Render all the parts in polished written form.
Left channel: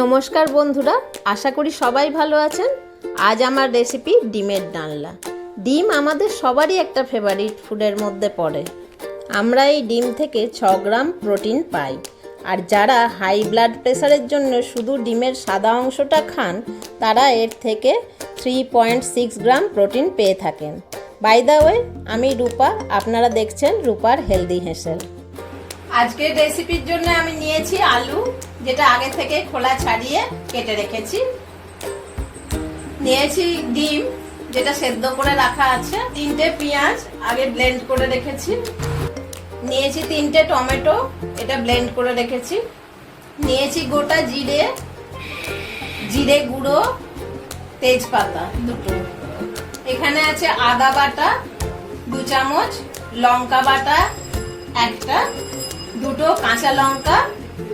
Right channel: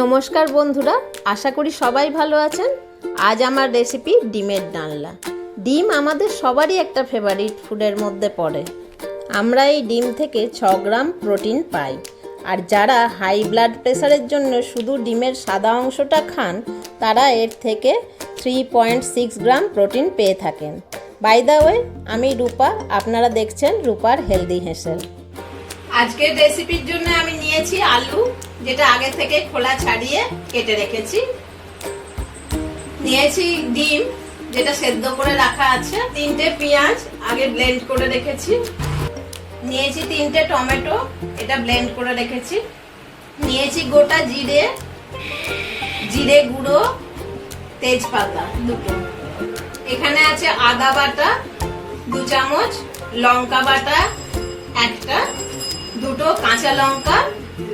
নমস্কার বন্ধুরা, আশা করি সবাই ভালো আছেন। আজ আমার রেসিপি ডিমের ডালনা। ডিম আমাদের সবারই একটা ফেভারিট ফুডের মধ্যে পড়ে। আমরা এই ডিম থেকে 6 গ্রাম প্রোটিন পাই। আর যারা হাই ব্লাড প্রেশারের জন্য শুধু ডিমের সাদা অংশটা খান, তারা এর থেকে 3.6 গ্রাম প্রোটিন পেয়ে থাকেন। বাই দ্য ওয়ে, আমি রূপা, আপনারা দেখছেন রূপার হেলদি হেসেল। আজকের রেসিপির জন্য আমি নিয়েছি আলু, যেটা আগে থেকে খোলা ছাড়িয়ে কেটে রেখেছি। নিয়েছি ডিম, যেটা সেদ্ধ করে রাখা আছে। 3টে পেঁয়াজ আগে ব্লেন্ড করে রেখেছি। নিয়েছি 3টে টমেটো, এটা ব্লেন্ড করে রেখেছি। নিয়েছি গোটা জিরে, জিরে গুঁড়ো, তেজপাতা দুটো। এখানে আছে আদা বাটা 2 চামচ, লঙ্কা বাটা 1টা, 2টো কাঁচা লঙ্কা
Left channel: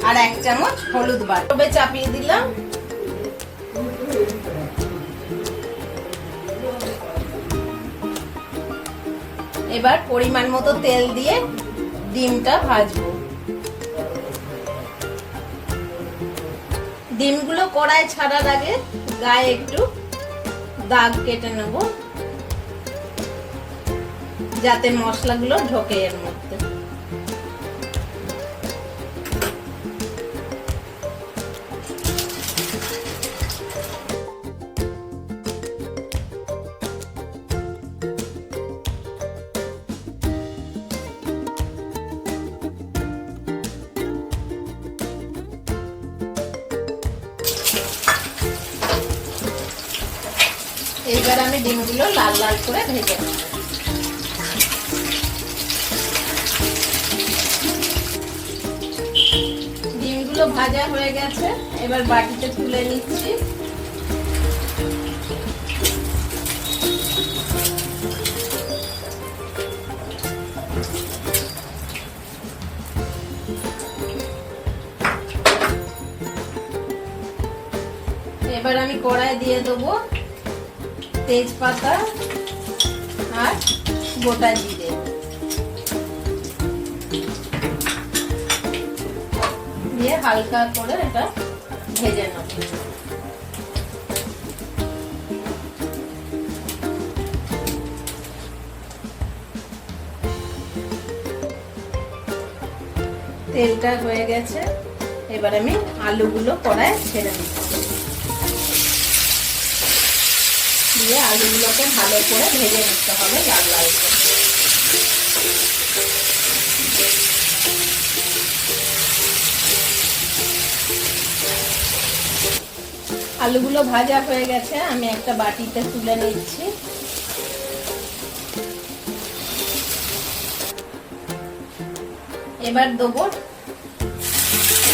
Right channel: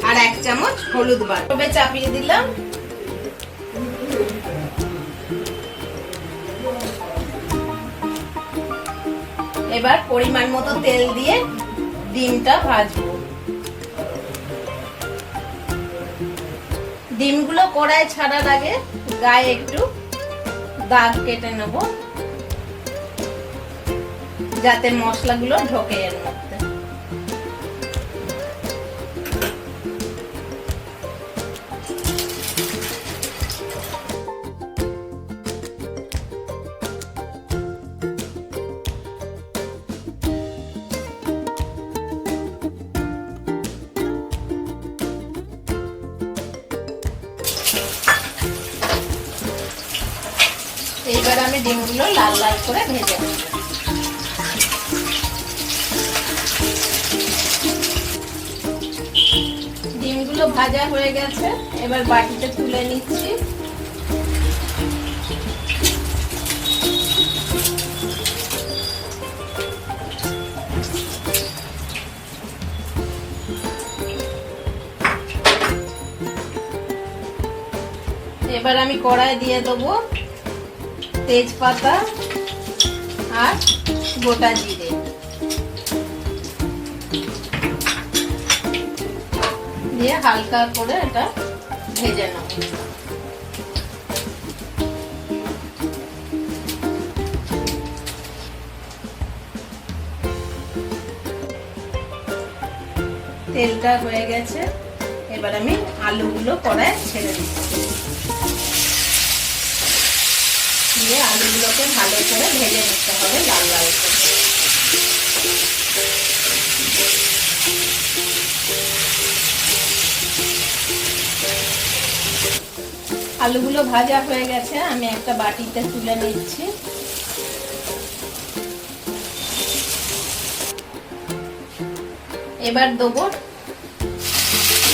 আর 1 চামচ হলুদ বাটা। তবে চাপিয়ে দিলাম। এবার পরিমাণ মতো তেল দিয়ে ডিমটা ভাজবো। ডিমগুলো কড়াই ছাড়ার আগে গায়ে একটু দাগ কেটে নেব, যাতে মশলাগুলো ঢোকে এর মধ্যে। এইবার আমি ডিমগুলো লাল লাল করে ভেজে নেব। ডিমগুলো ভাজা হয়ে গেছে, এবার বাটিতে তুলে নিচ্ছি। এবার আমি কড়াই দিয়ে দেবো তেজপাতা আর গোটা জিরে, দিয়ে হালকা করে এটা ভেজে নেব। তেলটা হয়ে গেছে, এবার আমি আলুগুলো কড়ায় ছেড়ে দিচ্ছি। দিয়ে আলুগুলোকে ভালো করে ভেজে নিতে হবে লাল লাল করে। আলুগুলো ভাজা হয়ে গেছে, আমি একটা বাটিতে তুলে নিচ্ছি। এবার দেবো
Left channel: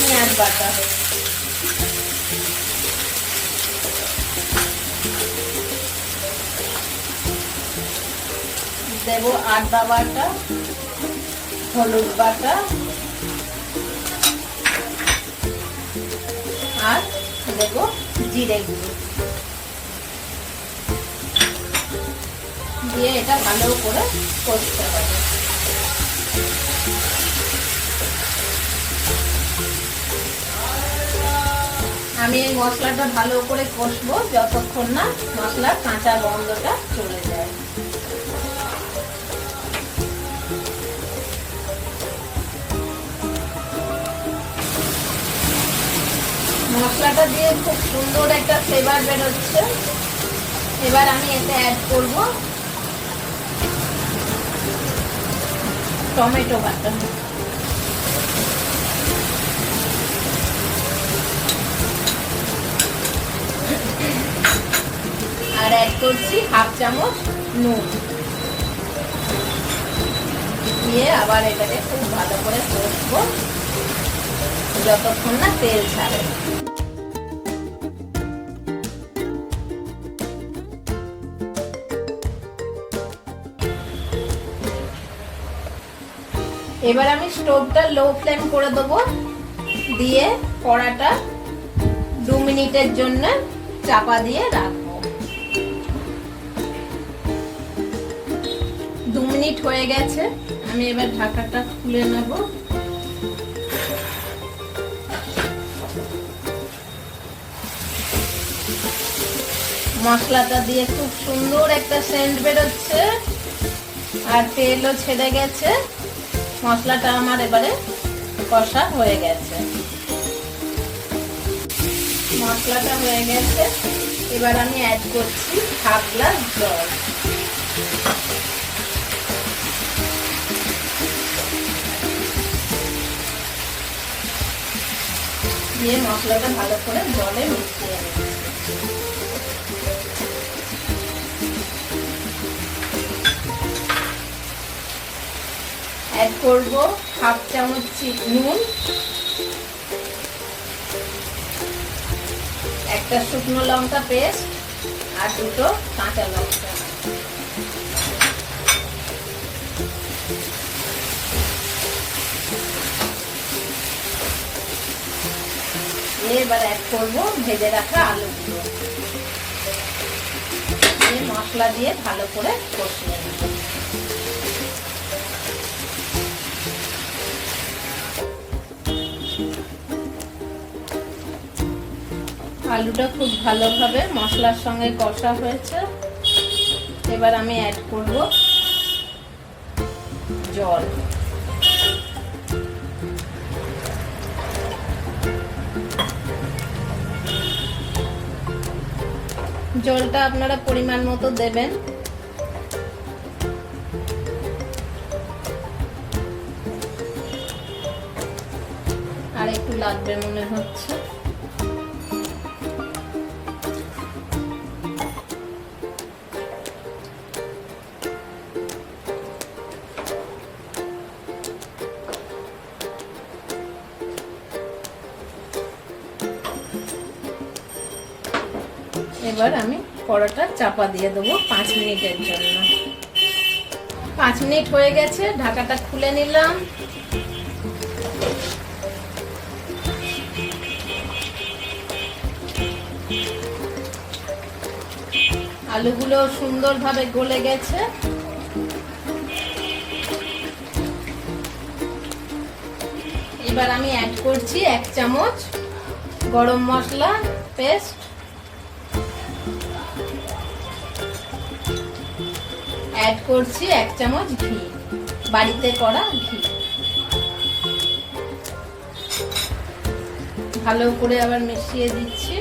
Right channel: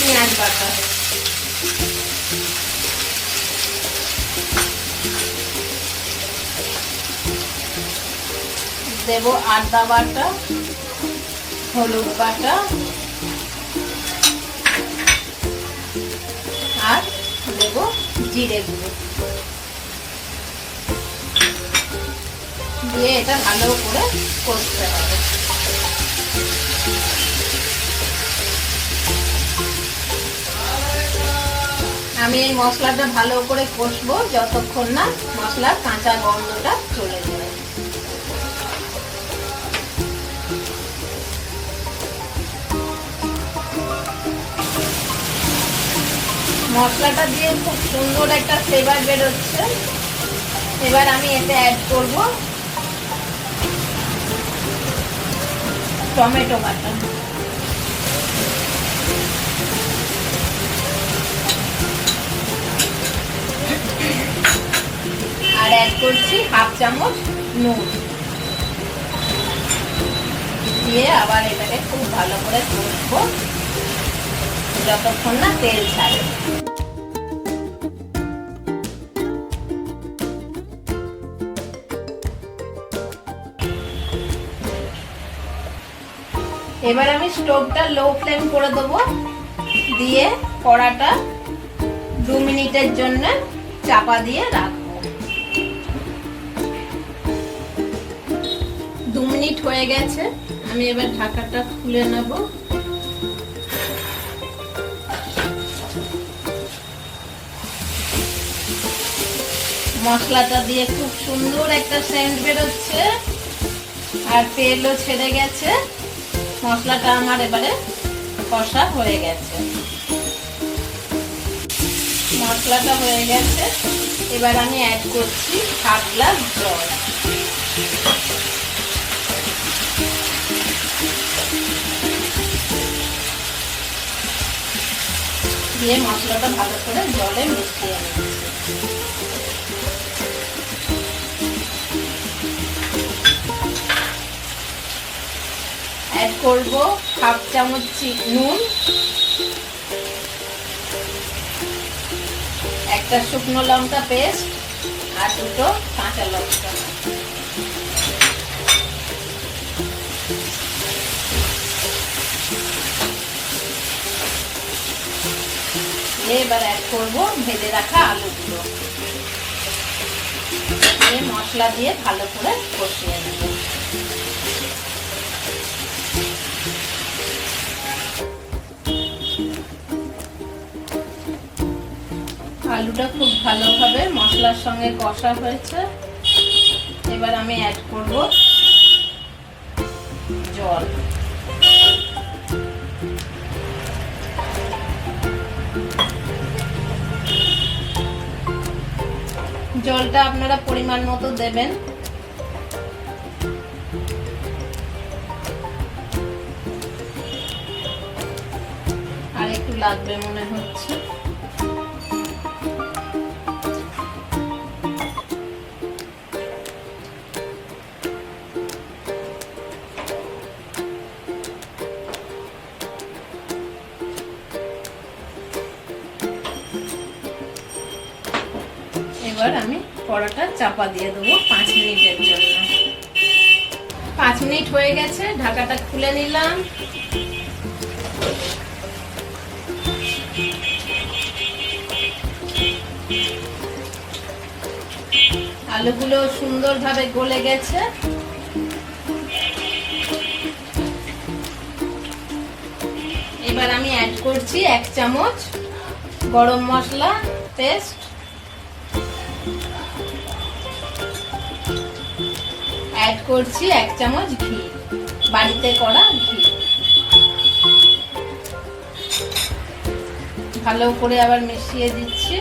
পেঁয়াজ বাটা, দেবো আদা বাটা, হলুদ বাটা আর দেবো জিরে গুঁড়ো, দিয়ে এটা ভালো করে কষতে হবে। আমি এই মশলাটা ভালো করে কষবো যতক্ষণ না মশলার কাঁচা গন্ধটা চলে যায়। মশলাটা দিয়ে খুব সুন্দর একটা ফ্লেভার বেরোচ্ছে। এবার আমি এতে অ্যাড করব টমেটো বাটা, আর অ্যাড করছি 1/2 চামচ নুন, দিয়ে আবার এটাকে খুব ভালো করে কষবো যতক্ষণ না তেল ছাড়ে। এবার আমি স্টোভটা লো ফ্লেম করে দেবো, দিয়ে কড়াটা 2 মিনিটের জন্য চাপা দিয়ে রাখবো। 2 মিনিট হয়ে গেছে, আমি এবার ঢাকাটা খুলে নেব। মশলাটা দিয়ে খুব সুন্দর একটা সেন্ট বেরোচ্ছে আর তেলও ছেড়ে গেছে। মশলাটা আমার এবারে কষা হয়ে গেছে। মশলাটা হয়ে গেছে, এবার আমি অ্যাড করছি হাফ গ্লাস জল। দিয়ে মশলাটা ভালো করে জলে মিশিয়ে নিচ্ছি। অ্যাড করব হাফ চামচ নুন, একটা শুকনো লঙ্কা পেস্ট আর দুটো কাঁচা লঙ্কা। এবার অ্যাড করব ভেজে রাখা আলুগুলো। এই মশলা দিয়ে ভালো করে কষিয়ে নেব। আলুটা খুব ভালোভাবে মশলার সঙ্গে কষা হয়েছে। এবার আমি অ্যাড করব জল। জলটা আপনারা পরিমাণ মতো দেবেন। আর একটু লাগবে মনে হচ্ছে। এবার আমি কড়াটা চাপা দিয়ে দেবো 5 মিনিটের জন্য। 5 মিনিট হয়ে গেছে, ঢাকাটা খুলে নিলাম। আলুগুলো সুন্দরভাবে গলে গেছে। এবার আমি অ্যাড করছি 1 চামচ গরম মশলা পেস্ট, অ্যাড করছি 1 চামচ ঘি, বাড়িতে করা ঘি। ভালো করে আবার মিশিয়ে দিচ্ছি।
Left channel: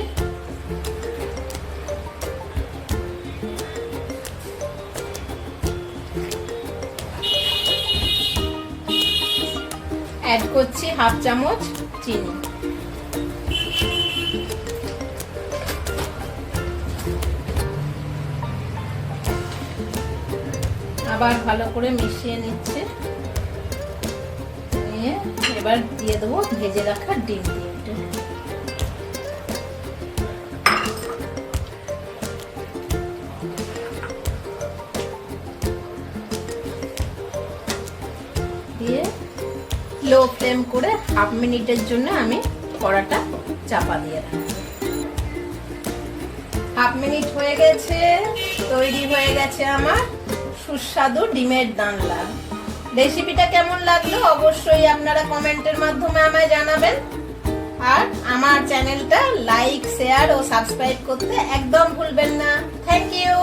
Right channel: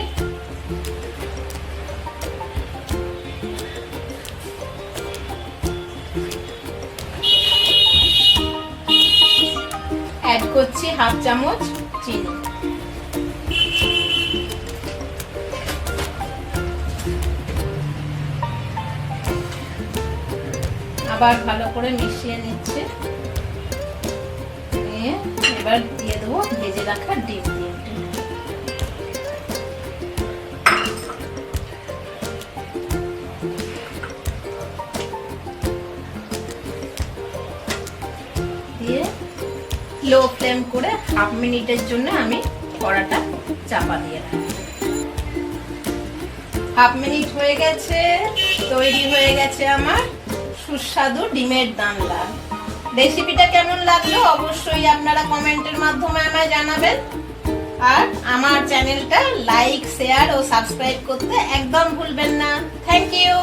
অ্যাড করছি হাফ চামচ চিনি। আবার ভালো করে মিশিয়ে নিচ্ছে। নিয়ে এবার দিয়ে দেবো ভেজে রাখা ডিম। দিয়ে লো ফ্লেম করে 1/2 মিনিটের জন্য আমি কড়াটা চাপা দিয়ে রাখি। 1/2 মিনিট হয়ে গেছে, তৈরি হয়ে গেছে আমার সুস্বাদু ডিমের ডালনা। রেসিপিটা কেমন লাগলো অবশ্যই আপনারা কমেন্টের মাধ্যমে আমায় জানাবেন। আর আমার চ্যানেলটা লাইক, শেয়ার ও সাবস্ক্রাইব করতে একদম ভুলবেন না। Thank you.